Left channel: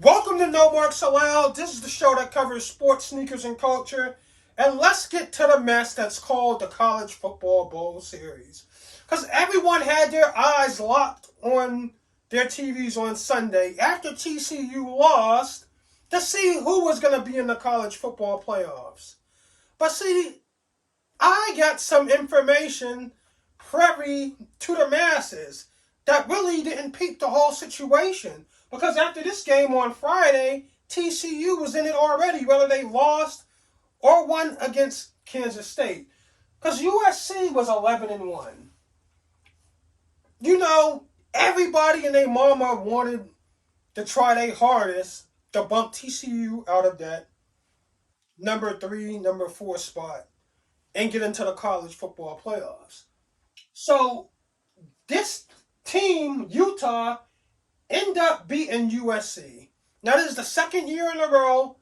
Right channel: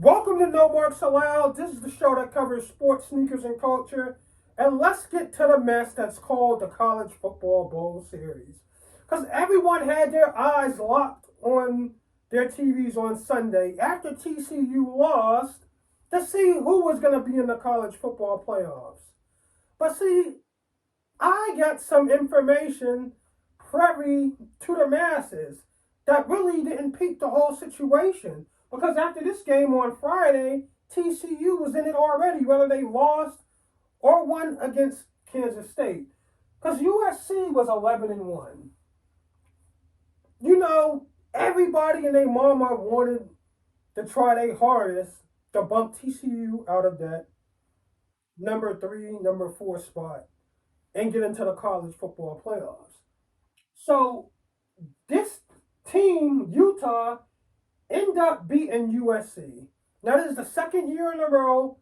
Welcome to No Markz Allowed. This is the show that covers sports, sneakers, and culture. And let's get to the mess that's called the College Football Bowl Series. Because everyone had their eyes locked on their TVs on Sunday after TCU lost to see who was going to be in the college football playoffs. But see, I got some information privy to the masses that really didn't peep the whole situation. Because after this game on Friday, TCU was in it already, whether they lost or won against Kansas State. Because USC was 11-1. You know, everybody and their mama wanted to try their hardest to bump TCU out of that number 3, number 4 spot and get into the college football playoffs. So this team, Utah, end up beating USC. Now, this is the second year in a row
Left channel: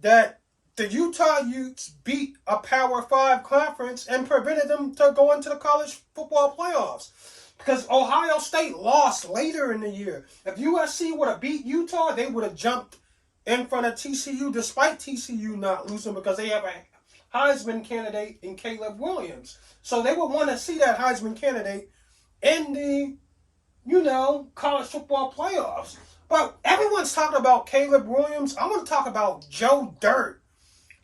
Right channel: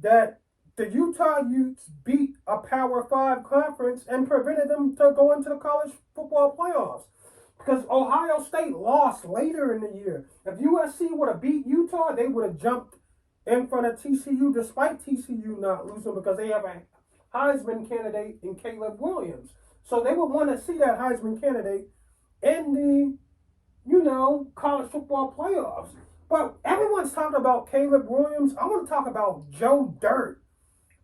that the Utah Utes beat a Power 5 conference and prevented them to go into the college football playoffs. Because Ohio State lost later in the year. If USC would have beat Utah, they would have jumped in front of TCU, despite TCU not losing, because they have a Heisman candidate in Caleb Williams. So they would want to see that Heisman candidate in the college football playoffs. But everyone's talking about Caleb Williams. I want to talk about Joe Dirt.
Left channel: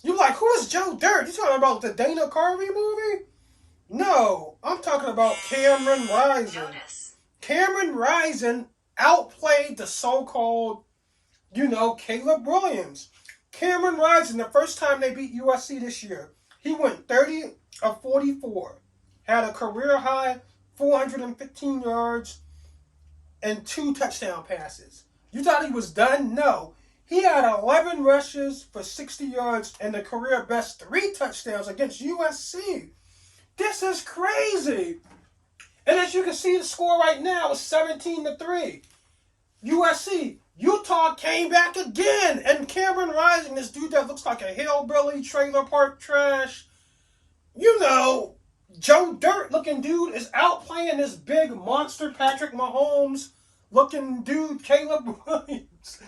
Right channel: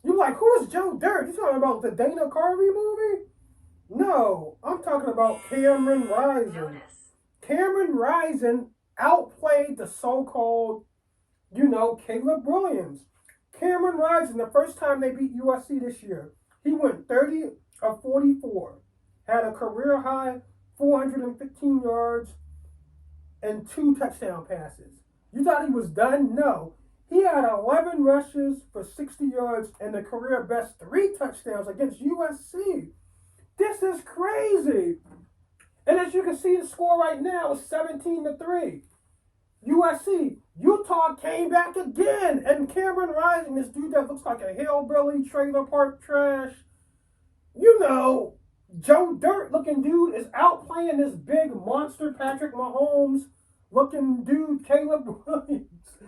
You're like, who is Joe Dirt? You talking about the Dana Carvey movie? No, I'm talking about Cameron Rising. Cameron Rising outplayed the so-called, Caleb Williams. Cameron Rising, the first time they beat USC this year, he went 30 of 44, had a career high 415 yards, and 2 touchdown passes. You thought he was done? No. He had 11 rushes for 60 yards and the career best 3 touchdowns against USC. This is crazy. And as you can see, the score right now is 17-3. USC. Utah came back again. And Cameron Rising, this dude that looks like a hillbilly, trailer park trash, Joe Dirt looking dude is outplaying this big monster Patrick Mahomes looking dude, Caleb Williams.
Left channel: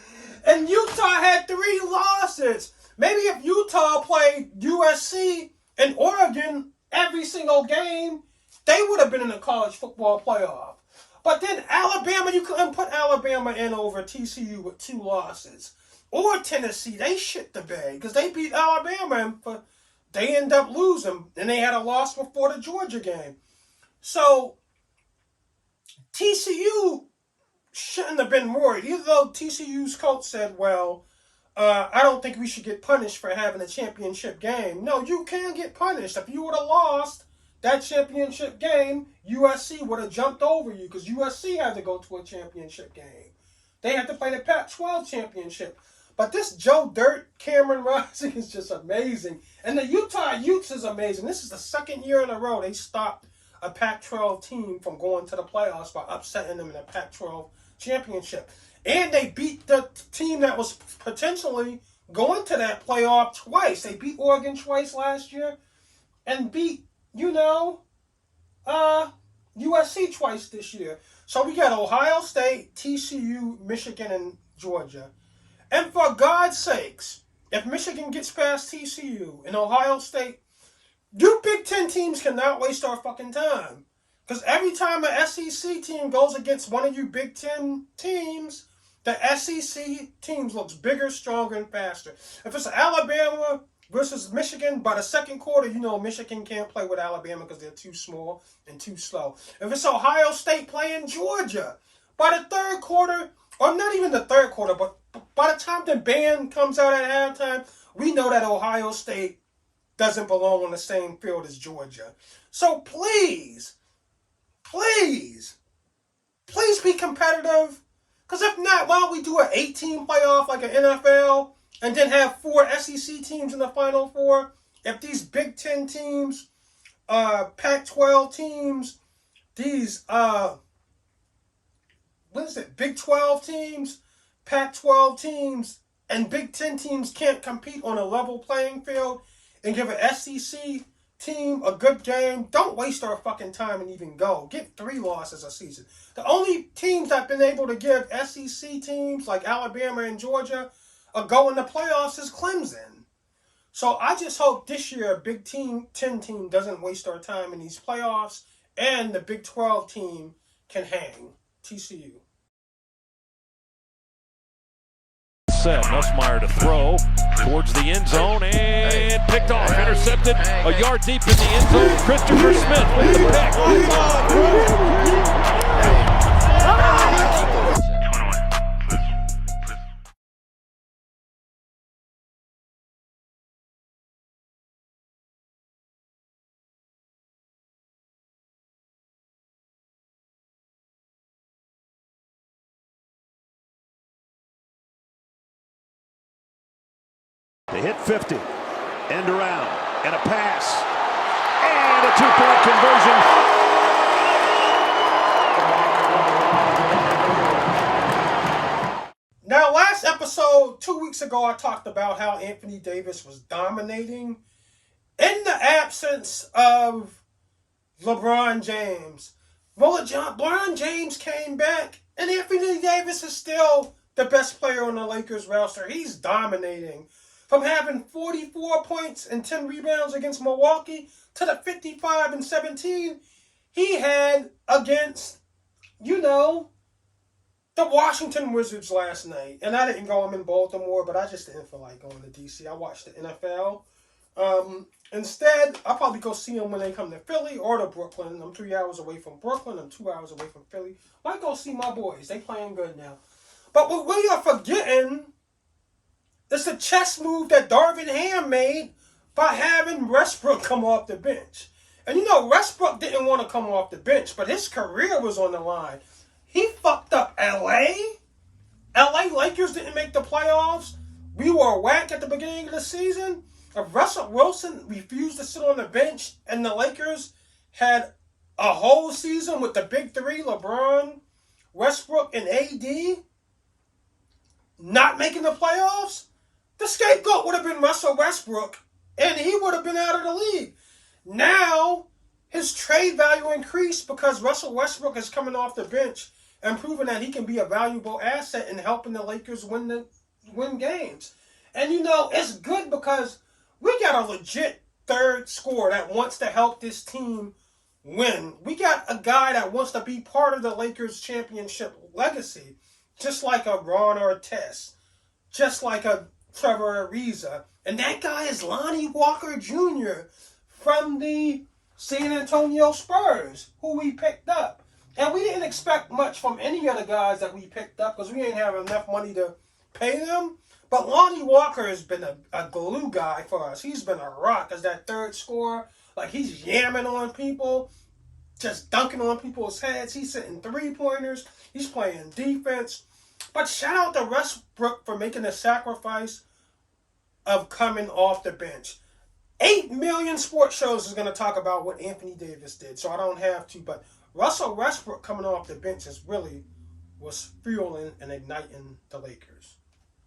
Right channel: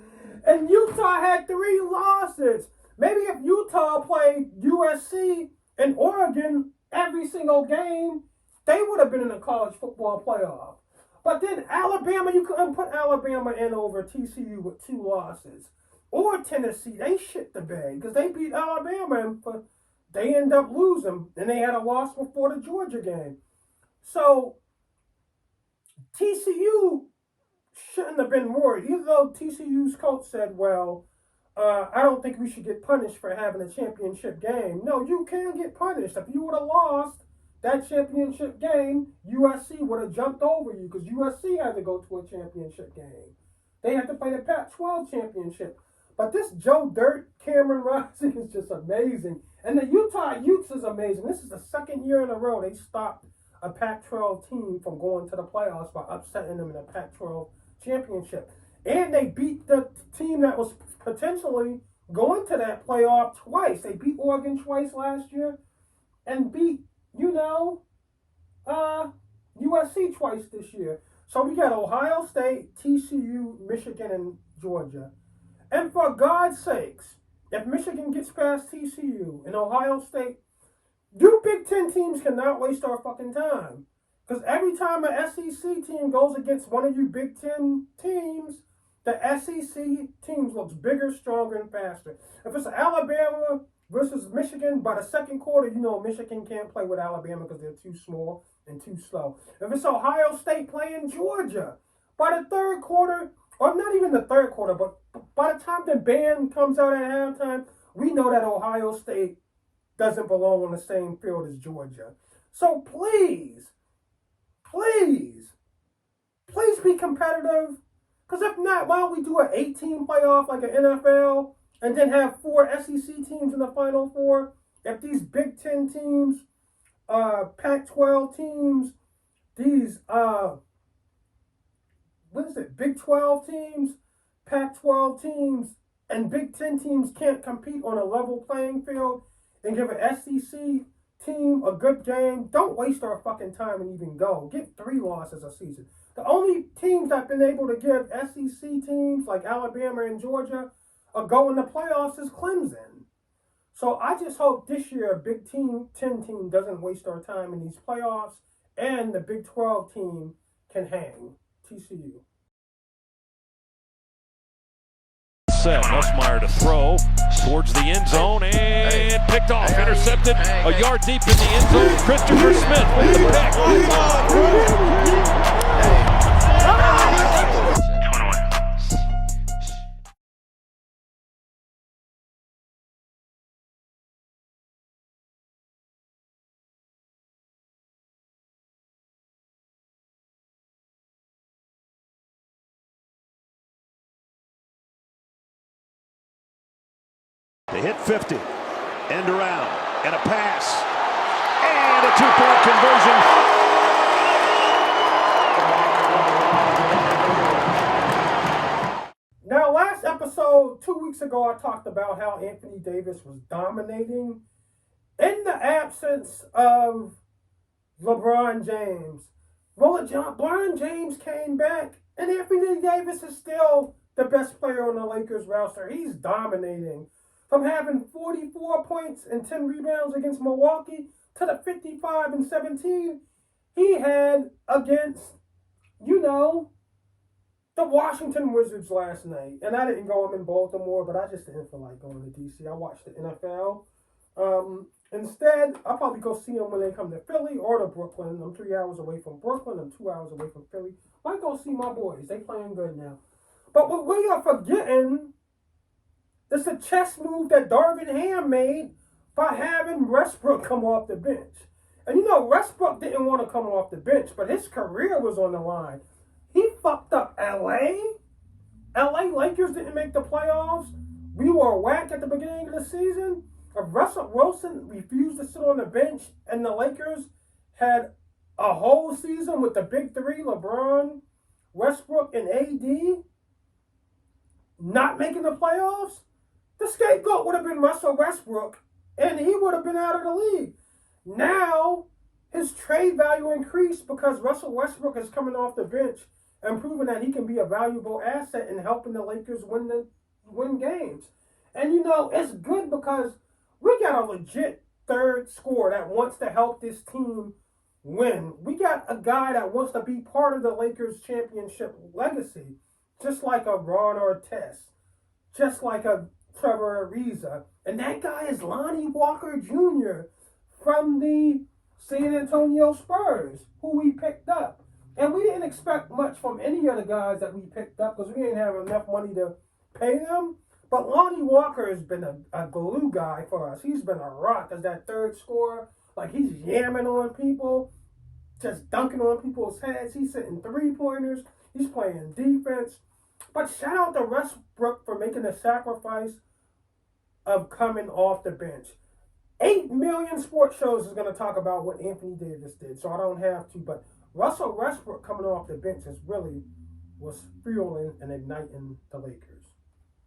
And Utah had 3 losses. Maybe if Utah played USC and Oregon every single game, they would have been in the college football playoff. But then Alabama, you couldn't put Alabama in over TCU with 2 losses. Or Tennessee, they shit the bed because they beat Alabama and they end up losing, and they had a loss before the Georgia game. So TCU shouldn't have been worried, even though TCU's coach said, well, I don't think we should get punished for having a championship game. No, you can get punished. If you would have lost that championship game, USC would have jumped over you because USC had to go to a championship game. They had to play the Pac-12 championship. But this Joe Dirt, Cameron Rising is just amazing. And the Utah Utes is amazing. This is the second year in a row they stopped a Pac-12 team from going to the playoffs by upsetting them in the Pac-12 championship. And they beat the team that was potentially going to that playoff twice. They beat Oregon twice last year and beat, USC twice this year. So we got Ohio State, TCU, Michigan, and Georgia. And for God's sakes, if Michigan gets past TCU and Ohio State, you Big Ten teams cannot waste our fucking time. Because every time an SEC team goes against one of you Big Ten teams, the SEC teams looks bigger, stronger, and faster. If it's Alabama versus Michigan, by the second quarter, Michigan can't play with Alabama because they're too small and too slow. If it's Ohio State playing Georgia, by the third quarter, or not even the third quarter, but by the time the band comes out at halftime, we know that Ohio State doesn't belong on the same field as Georgia. So please be competitive. Because if not, why don't we do an 8-team playoff like an NFL and then have 4 SEC teams in the Final Four? If these Big Ten teams, Pac-12 teams, these, Big 12 teams, Pac-12 teams, and Big Ten teams can't compete on a level playing field and give an SEC team a good game, don't waste our fucking time and even go. Get 3 losses a season. The only teams I've been able to give SEC teams like Alabama and Georgia a go in the playoffs is Clemson. So I just hope this year a Big 10 team doesn't waste our time in these playoffs and the Big 12 team can hang. TCU. Set. SHmurda to throw towards the end zone and picked off, intercepted a yard deep in the end zone. Christopher Smith with the pick. They hit 50, end around, and a pass, and a 2-point conversion. Now, last episode, 2 weeks ago, I talked about how Anthony Davis was dominating in the absence of LeBron James. Well, LeBron James came back, and Anthony Davis is still the best player on the Lakers roster. He's dominating. From having 44 points and 10 rebounds against Milwaukee to the 55 and 17 he had against, the Washington Wizards last night. And I didn't go. I'm in Baltimore, but I just didn't feel like going to D.C. I watched the NFL. Instead, I'll probably go see them when they come to Philly or to Brooklyn. I'm 3 hours away from Brooklyn. I'm 2 hours away from Philly. Might go see my boys. They playing good now. But what we are forgetting is the chess move that Darvin Ham made by having Westbrook come off the bench. And Westbrook didn't want to come off the bench, but his career was on the line. He fucked up LA. LA Lakers didn't make the playoffs. We were whack at the beginning of the season. Russell Wilson refused to sit on the bench, and the Lakers had a whole season with the big three, LeBron, Westbrook, and AD, not making the playoffs. The scapegoat would have been Russell Westbrook, and he would have been out of the league. Now, his trade value increased because Russell Westbrook is coming off the bench and proving that he can be a valuable asset in helping the Lakers win games. And, it's good because we got a legit third scorer that wants to help this team win. We got a guy that wants to be part of the Lakers championship legacy, just like a Ron Artest, just like a Trevor Ariza. And that guy is Lonnie Walker Jr. from the San Antonio Spurs, who we picked up. And we didn't expect much from any of the guys that we picked up because we didn't have enough money to pay them. But Lonnie Walker has been a glue guy for us. He's been a rock as that third scorer. Like, he's yamming on people, just dunking on people's heads. He's hitting three-pointers. He's playing defense. But shout out to Westbrook for making the sacrifice of coming off the bench. 8 million sports shows is going to talk about what Anthony Davis did, so I don't have to. But Russell Westbrook coming off the bench was fueling and igniting the Lakers.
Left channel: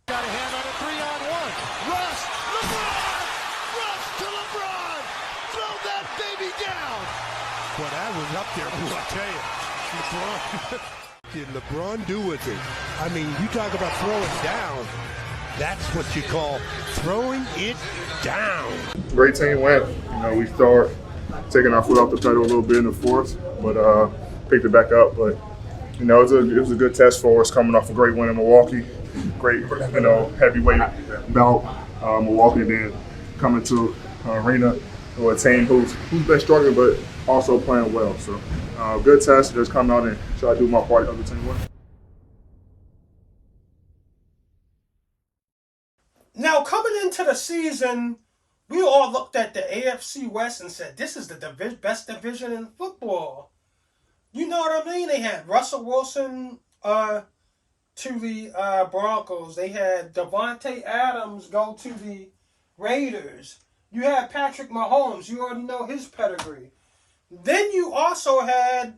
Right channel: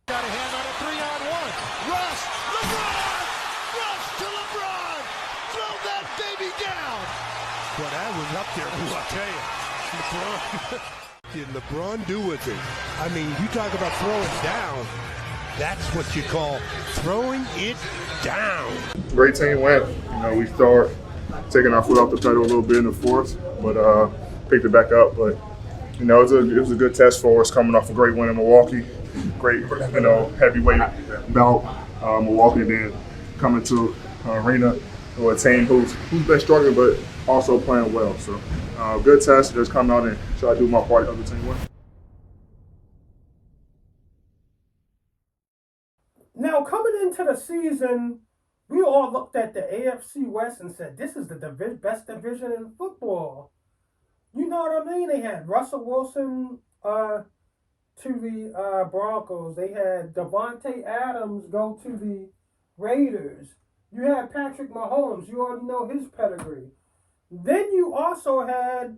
Got a hand on a 3-on-1. Russ, LeBron! Rush to LeBron! Throw that baby down! Well, that was up there, boy, I tell you. LeBron. Did LeBron do with it? I mean, you talk about throwing down. That's what you call throwing it down. Great team win. We start taking our foot off the pedal a little bit in the fourth, but picked it back up. But it was a good test for us coming off a great win in Milwaukee. Great, heavyweight bout, Milwaukee, and then coming to arena with a team who's been struggling but also playing well. So good test. Just come out and try to do my part of the team win. Now, coming into the season, we all looked at the AFC West and said, this is the best division in football. You know what I mean? They had Russell Wilson to the Broncos. They had Devontae Adams go to the Raiders. You had Patrick Mahomes. You already know his pedigree. Then you also had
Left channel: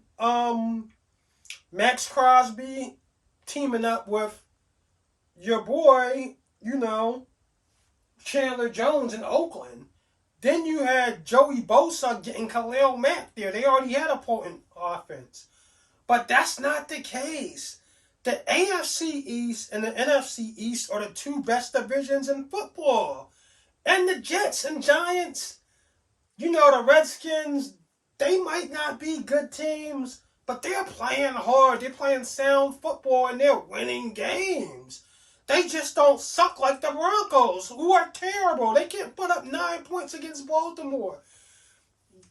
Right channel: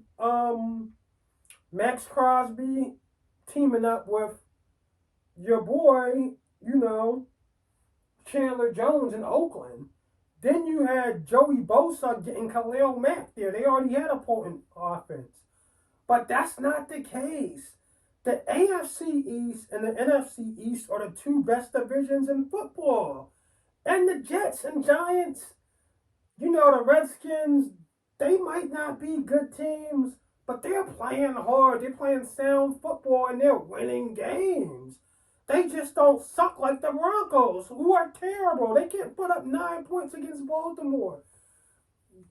Max Crosby teaming up with your boy, Chandler Jones in Oakland. Then you had Joey Bosa getting Khalil Mack there. They already had a potent offense. But that's not the case. The AFC East and the NFC East are the two best divisions in football. And the Jets and Giants, you know, the Redskins, they might not be good teams, but they're playing hard. They're playing sound football, and they're winning games. They just don't suck like the Broncos, who are terrible. They can't put up 9 points against Baltimore.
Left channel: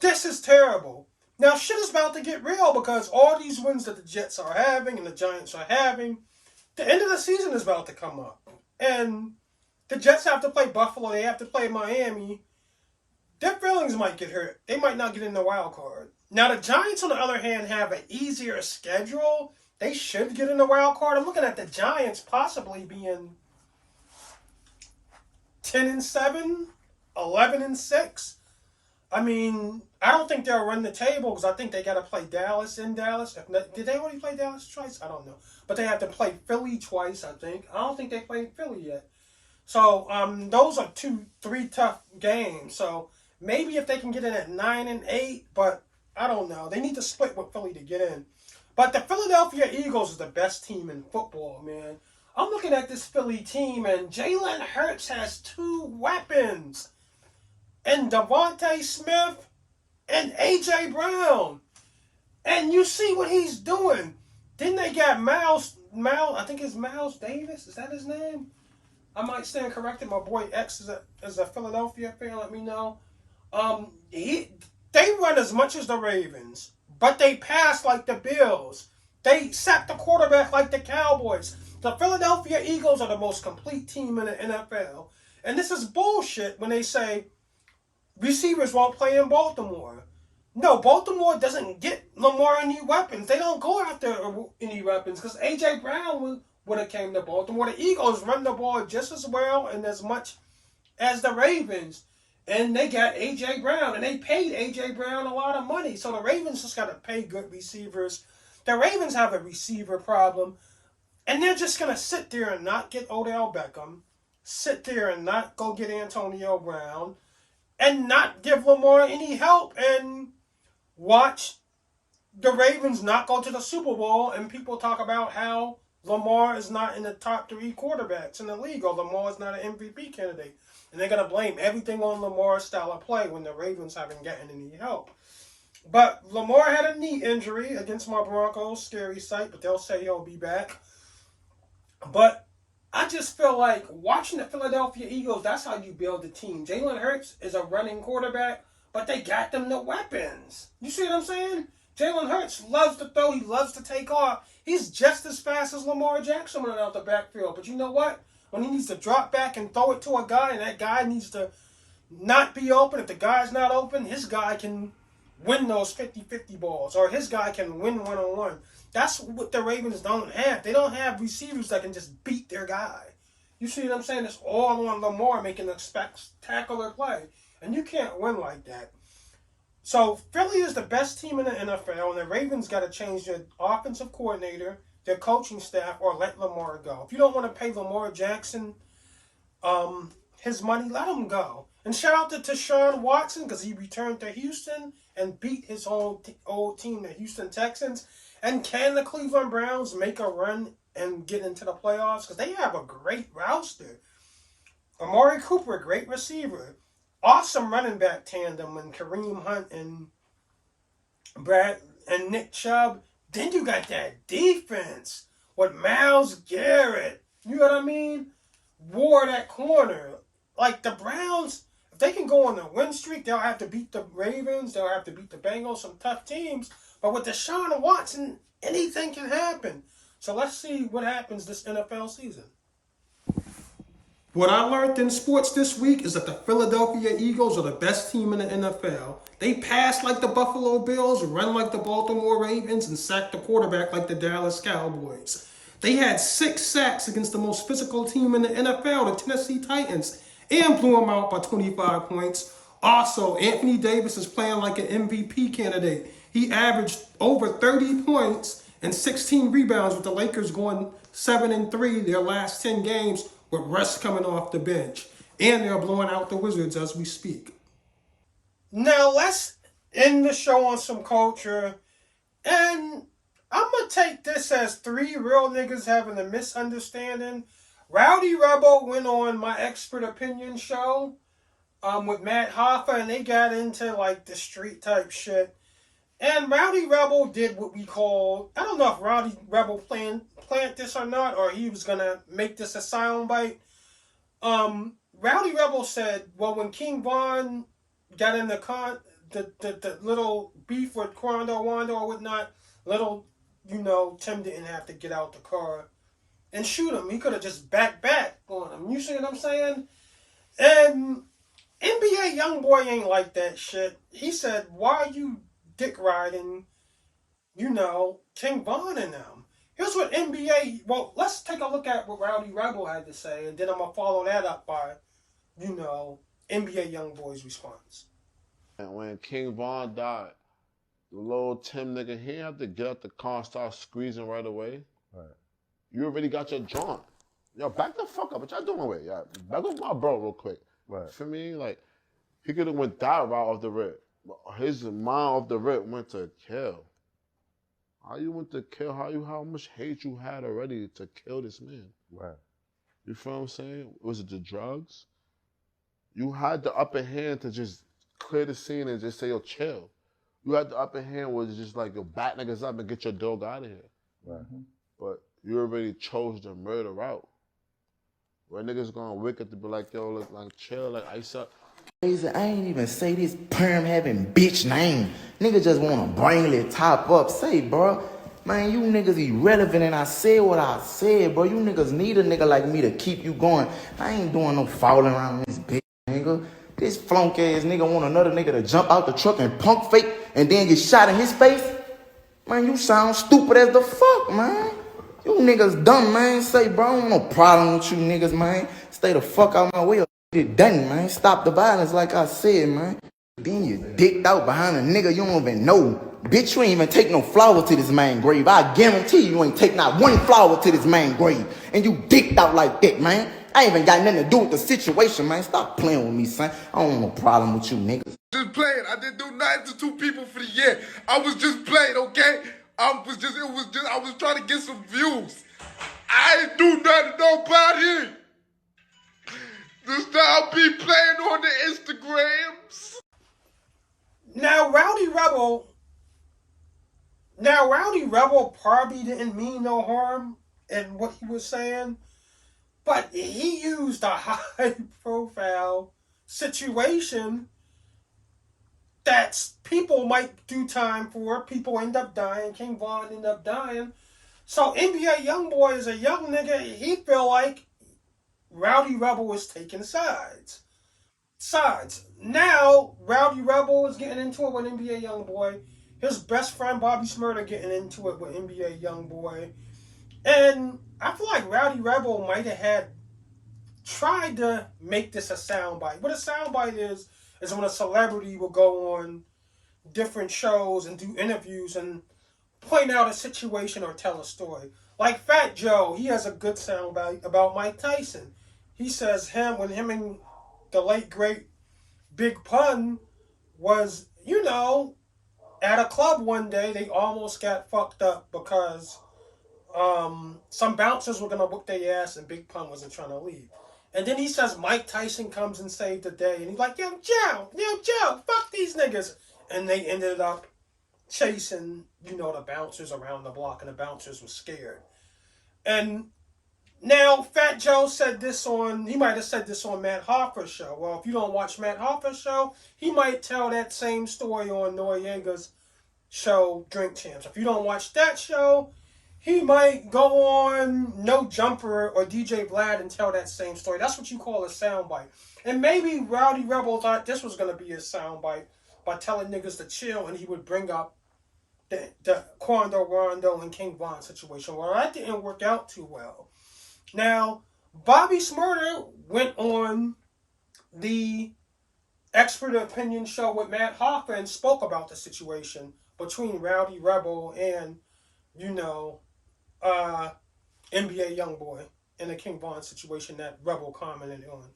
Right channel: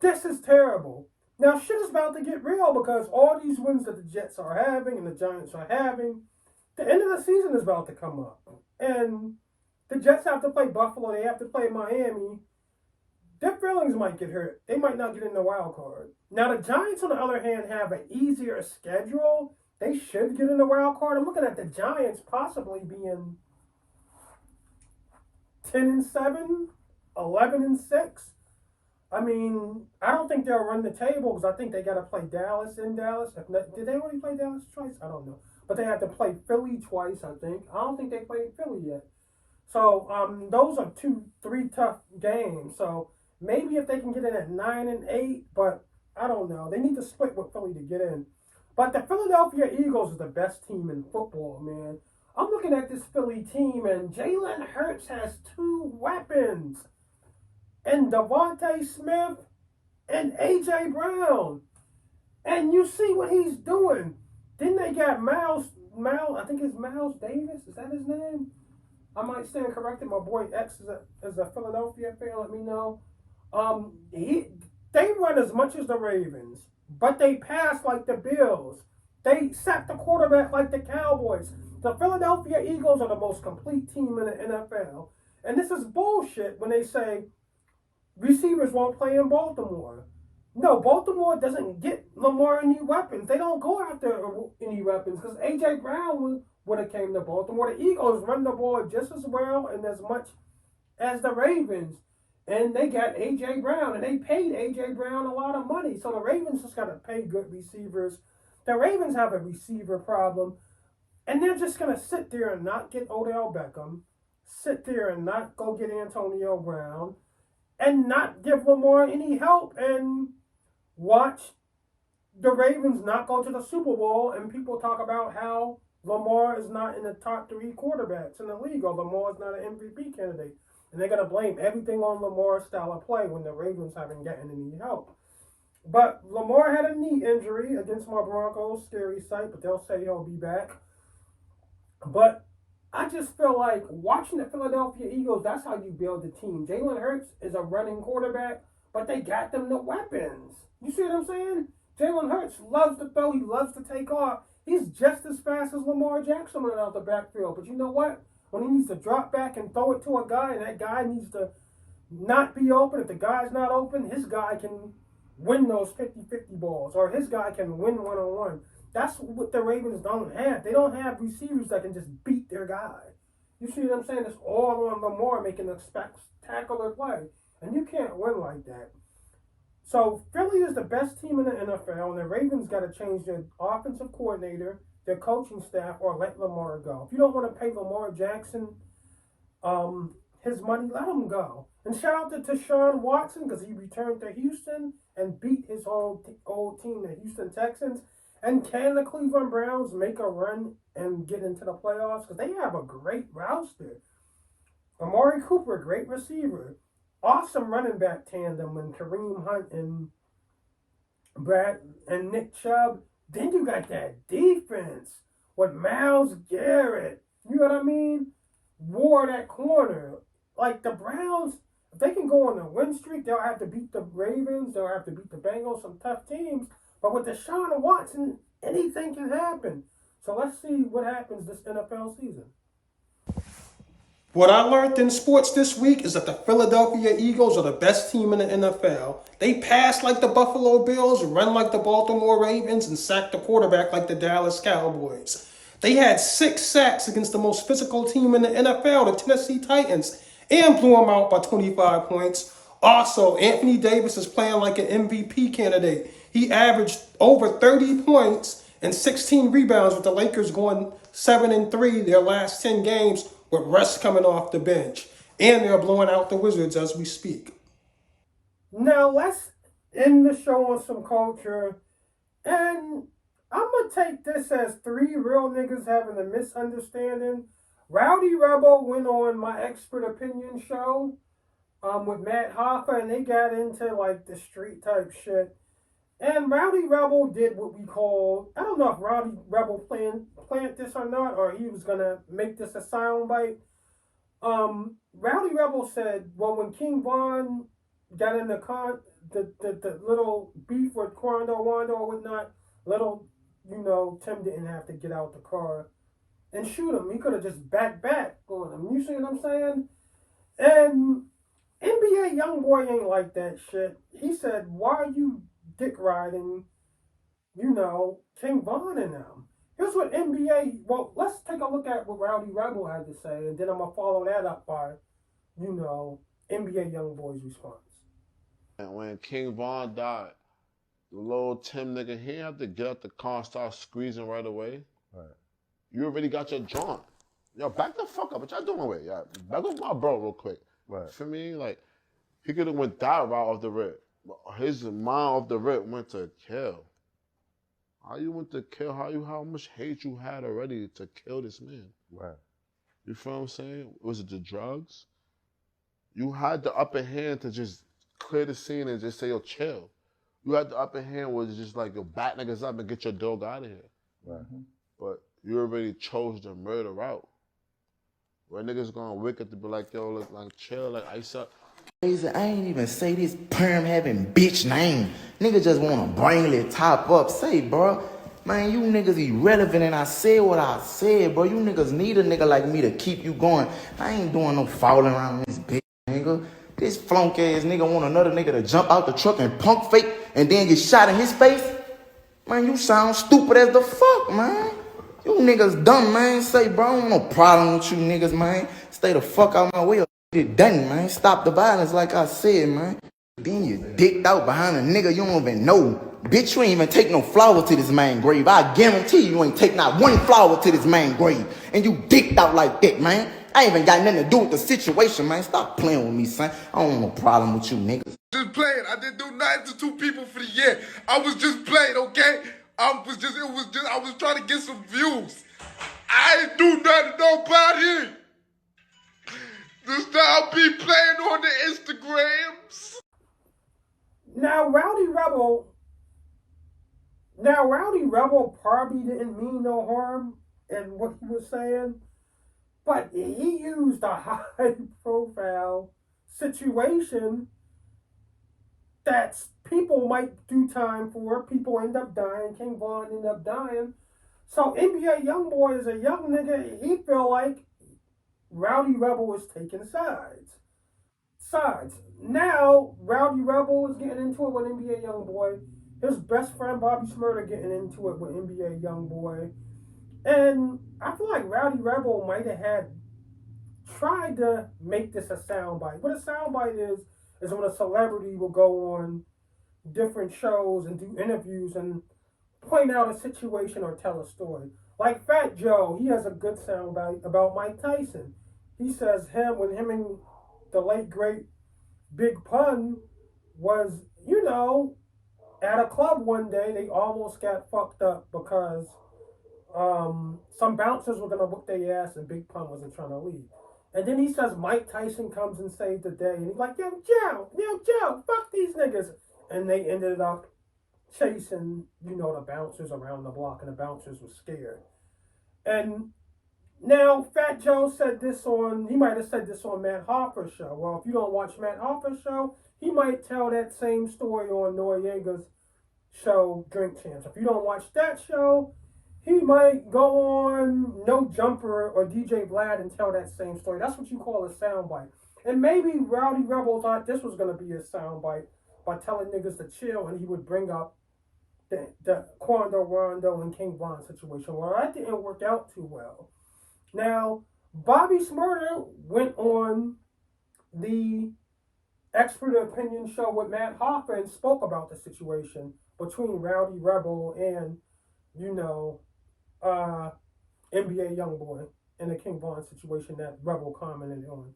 This is terrible. Now, shit is about to get real because all these wins that the Jets are having and the Giants are having, the end of the season is about to come up. And the Jets have to play Buffalo. They have to play Miami. Their feelings might get hurt. They might not get in the wild card. Now, the Giants, on the other hand, have an easier schedule. They should get in the wild card. I'm looking at the Giants possibly being 10-7, 11-6. I mean, I don't think they'll run the table because I think they got to play Dallas in Dallas. Did they already play Dallas twice? I don't know. But they have to play Philly twice, I think. I don't think they played Philly yet. So those are 2-3 tough games. So maybe if they can get in at 9-8, but I don't know. They need to split with Philly to get in. But the Philadelphia Eagles is the best team in football, man. I'm looking at this Philly team, and Jalen Hurts has 2 weapons. And Devontae Smith and A.J. Brown. And you see what he's doing. Then they got Miles, I think it's Miles Davis. Is that his name? I might stand corrected. My boy X is a Philadelphia fan. Let me know. They run as much as the Ravens, but they pass like the Bills. They sack the quarterback like the Cowboys. The Philadelphia Eagles are the most complete team in the NFL. And this is bullshit when they say receivers won't play in Baltimore. No, Baltimore doesn't get Lamar any weapons. They don't go after any weapons because A.J. Brown would have came to Baltimore. The Eagles run the ball just as well and as much as the Ravens. And they got A.J. Brown, and they paid A.J. Brown a lot of money. So the Ravens just got to pay good receivers. The Ravens have a receiver problem, and they're just going to sit there and not get Odell Beckham, sit there and not go get Antonio Brown, and not give Lamar any help, and watch the Ravens not go to the Super Bowl, and people talk about how Lamar is not in the top 3 quarterbacks in the league, or Lamar is not an MVP candidate. And they're going to blame everything on Lamar's style of play when the Ravens haven't gotten any help. But Lamar had a knee injury against my Broncos. Scary sight, but they'll say he'll be back. But I just feel like watching the Philadelphia Eagles, that's how you build the team. Jalen Hurts is a running quarterback, but they got them the weapons. You see what I'm saying? Jalen Hurts loves to throw. He loves to take off. He's just as fast as Lamar Jackson running out the backfield. But you know what? When he needs to drop back and throw it to a guy, and that guy needs to not be open, if the guy's not open, his guy can win those 50-50 balls, or his guy can win one-on-one. That's what the Ravens don't have. They don't have receivers that can just beat their guy. You see what I'm saying? It's all on Lamar making a spectacular play, and you can't win like that. So Philly is the best team in the NFL, and the Ravens got to change their offensive coordinator, their coaching staff, or let Lamar go. If you don't want to pay Lamar Jackson his money, let him go. And shout out to Deshaun Watson because he returned to Houston and beat his old team, the Houston Texans. And can the Cleveland Browns make a run and get into the playoffs? Because they have a great roster. Amari Cooper, great receiver. Awesome running back tandem when Kareem Hunt and Nick Chubb. Then you got that defense with Myles Garrett. You know what I mean? Ward at corner. Like the Browns, if they can go on a win streak, they'll have to beat the Ravens. They'll have to beat the Bengals, some tough teams. But with Deshaun Watson, anything can happen. So let's see what happens this NFL season. What I learned in sports this week is that the Philadelphia Eagles are the best team in the NFL. They pass like the Buffalo Bills, run like the Baltimore Ravens, and sack the quarterback like the Dallas Cowboys. They had 6 sacks against the most physical team in the NFL, the Tennessee Titans, and blew them out by 25 points. Also, Anthony Davis is playing like an MVP candidate. He averaged over 30 points and 16 rebounds with the Lakers going 7-3 their last 10 games with Russ coming off the bench. And they're blowing out the Wizards as we speak. Now let's end the show on some culture, and I'm gonna take this as three real niggas having a misunderstanding. Rowdy Rebel went on my expert opinion show with Matt Hoffa, and they got into like the street type shit. And Rowdy Rebel did what we call, I don't know if Rowdy Rebel planned this or not, or he was gonna make this a soundbite. Rowdy Rebel said, well, when King Von got in the little beef with Quando Wando or whatnot, Tim didn't have to get out the car and shoot him. He could have just back on him. You see what I'm saying? And NBA Young Boy ain't like that shit. He said, why are you dick riding, King Von and them? Here's what let's take a look at what Rowdy Rebel had to say, and then I'm going to follow that up by, NBA Young Boy's response. And when King Von died, the little Tim nigga, he didn't have to get out the car and start squeezing right away. Right. You already got your joint. Yo, back the fuck up. What y'all doing with? Yeah, back up my bro real quick. Right. For me, like, he could have went that route off the rip. His mind off the rip went to kill. How you went to kill? How much hate you had already to kill this man? Right. You feel what I'm saying? Was it the drugs? You had the upper hand to just clear the scene and just say, yo, chill. You had the upper hand where it's just like, yo, bat niggas up and get your dog out of here. Right. But you already chose the murder route. Where niggas gonna wake up to be like, yo, look, like, chill, like, ice up. I ain't even say this perm having bitch name. Nigga just wanna bring it top up. Say, bro, man, you niggas irrelevant, and I said what I said, bro. You niggas need a nigga like me to keep you going. I ain't doing no falling around this bitch, nigga. This flunk ass nigga want another nigga to jump out the truck and punk fake and then get shot in his face. Man, you sound stupid as the fuck, man. You niggas dumb, man. Say, bro, I don't want no problem with you niggas, man. Stay the fuck out my way or get it done, man. Stop the violence like I said, man. Then you dicked out behind a nigga you don't even know. Bitch, you ain't even take no flower to this man grave. I guarantee you ain't take not one flower to this man grave. And you dicked out like that, man. I ain't even got nothing to do with the situation, man. Stop playing with me, son. I don't want no problem with you niggas. Just playing. I didn't do nothing to two people for the year. I was just playing, okay? I was trying to get some views. I didn't do nothing to nobody. Just now be playing on the Instagrams. Now Rowdy Rebel probably didn't mean no harm in what he was saying, but he used a high-profile situation that people might do time for. People end up dying. King Von ended up dying. So NBA Young Boy is a young nigga. He feel like Rowdy Rebel was taking sides. Now, Rowdy Rebel is getting into it with NBA Young Boy. His best friend, Bobby SHmurda, getting into it with NBA Young Boy. And I feel like Rowdy Rebel might have tried to make this a soundbite. What a soundbite is when a celebrity will go on different shows and do interviews and point out a situation or tell a story. Like Fat Joe, he has a good soundbite about Mike Tyson. He says when him and the late great Big Pun was, at a club one day, they almost got fucked up because some bouncers were gonna whoop their ass and Big Pun wasn't trying to leave. And then he says Mike Tyson comes and saved the day, and he's like, yo, Joe, fuck these niggas. And they ended up chasing, the bouncers around the block, and the bouncers were scared. And now Fat Joe he might have said this on Matt Hoffa's show. Well, if you don't watch Matt Hoffa's show, he might tell that same story on Noriega's show, Drink Champs. If you don't watch that show, he might go on No Jumper or DJ Vlad and tell that same story. That's what you call a soundbite. And maybe Rowdy Rebel thought this was going to be a soundbite by telling niggas to chill, and he would bring up the Quando Rondo and King Von situation. Well, that didn't work out too well. Now, Bobby SHmurda went on the expert opinion show with Matt Hoffa and spoke about the situation between Rowdy Rebel and, NBA Young Boy and the King Von situation that Rebel commented on.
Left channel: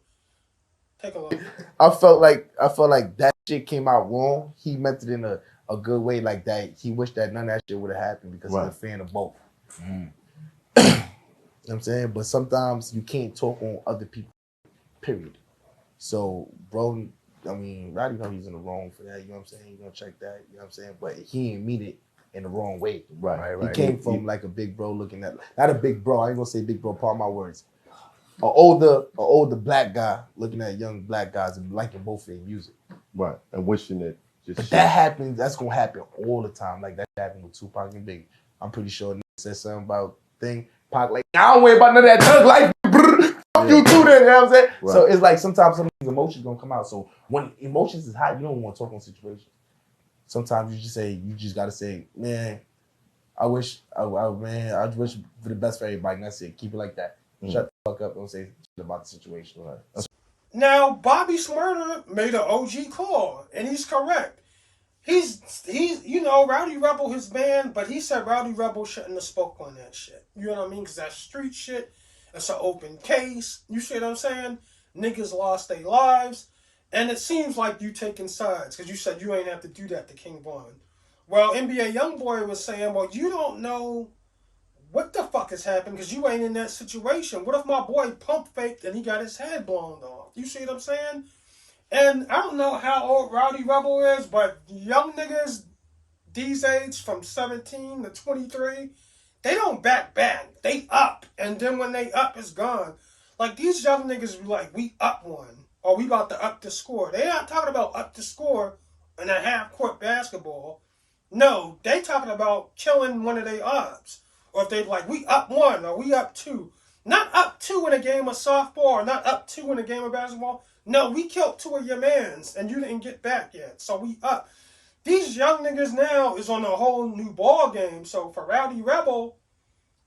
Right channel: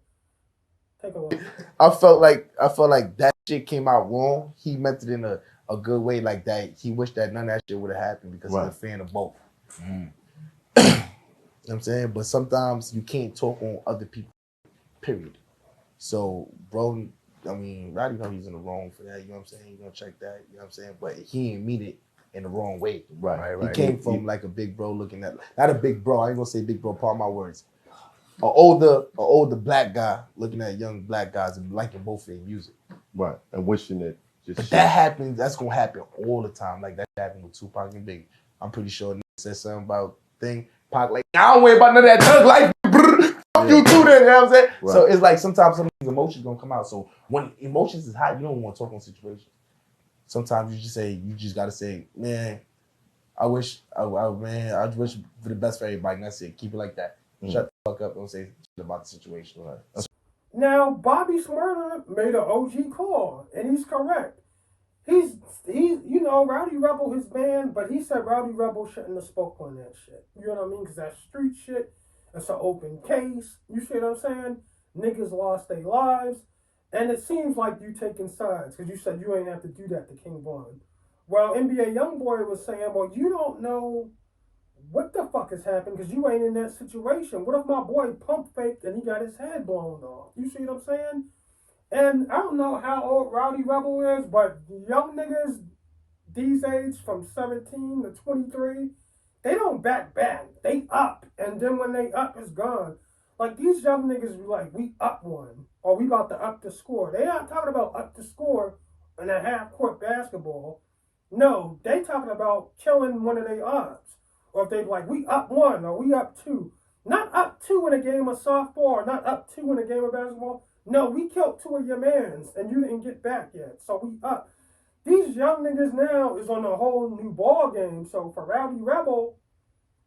Take a look. I felt like that shit came out wrong. He meant it in a good way, like that. He wished that none of that shit would have happened because he's a fan of both. You know what I'm saying? But sometimes you can't talk on other people, period. So, bro, I mean, Rowdy know he's in the wrong for that. You know what I'm saying? You're going to check that. You know what I'm saying? But he didn't mean it in the wrong way. Right. He came from like a big bro looking at, not a big bro. I ain't going to say big bro, part of my words. An older black guy looking at young black guys and liking both of their music. Right. And wishing it just. But that happens, that's going to happen all the time. Like that happened with Tupac and Biggie. I'm pretty sure nigga said something about thing. Pac like, I don't worry about none of that thug life. Fuck you too then, you know what I'm saying? Right. So it's like sometimes some of these emotions gonna come out. So when emotions is hot, you don't want to talk on situations. Sometimes you just gotta say, man, I wish for the best for everybody. And that's it. Keep it like that. Shut the fuck up. Don't say shit about the situation. Right. Now, Bobby SHmurda made an OG call, and he's correct. He's Rowdy Rebel his man, but he said Rowdy Rebel shouldn't have spoke on that shit. You know what I mean? Because that's street shit. It's an open case. You see what I'm saying? Niggas lost their lives. And it seems like you taking sides because you said you ain't have to do that to King Von. Well, NBA Young Boy was saying, well, you don't know what the fuck has happened because you ain't in that situation. What if my boy pump faked and he got his head blown off? You see what I'm saying? And I don't know how old Rowdy Rebel is, but young niggas these age from 17 to 23, they don't back. They up. And then when they up, it's gone. Like these young niggas be like, we up one. Or we about to up the score. They not talking about up the score in a half-court basketball. No, they talking about killing one of their ops. Or if they like, we up one or we up two. Not up two in a game of softball or not up two in a game of basketball. No, we killed two of your mans and you didn't get back yet. So we up. These young niggas now is on a whole new ball game. So for Rowdy Rebel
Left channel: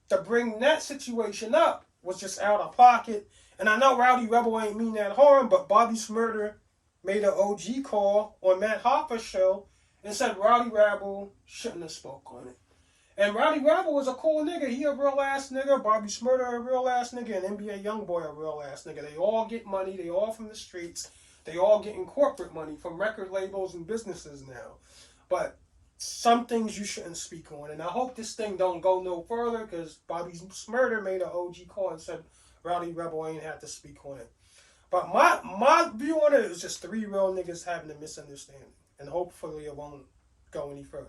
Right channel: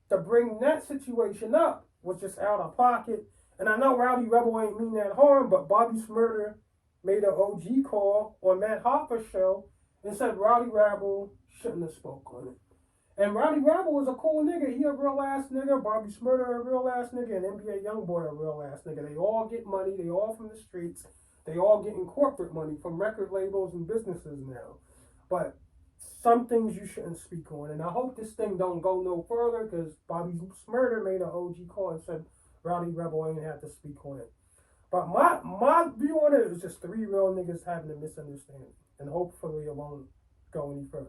to bring that situation up was just out of pocket. And I know Rowdy Rebel ain't mean that harm, but Bobby SHmurda made an OG call on Matt Hoffa's show and said Rowdy Rebel shouldn't have spoke on it. And Rowdy Rebel was a cool nigga. He a real ass nigga. Bobby SHmurda a real ass nigga. And NBA Young Boy a real ass nigga. They all get money. They all from the streets. They all getting corporate money from record labels and businesses now. But some things you shouldn't speak on. And I hope this thing don't go no further because Bobby SHmurda made an OG call and said Rowdy Rebel ain't have to speak on it. But my view on it is just three real niggas having a misunderstanding. And hopefully it won't go any further.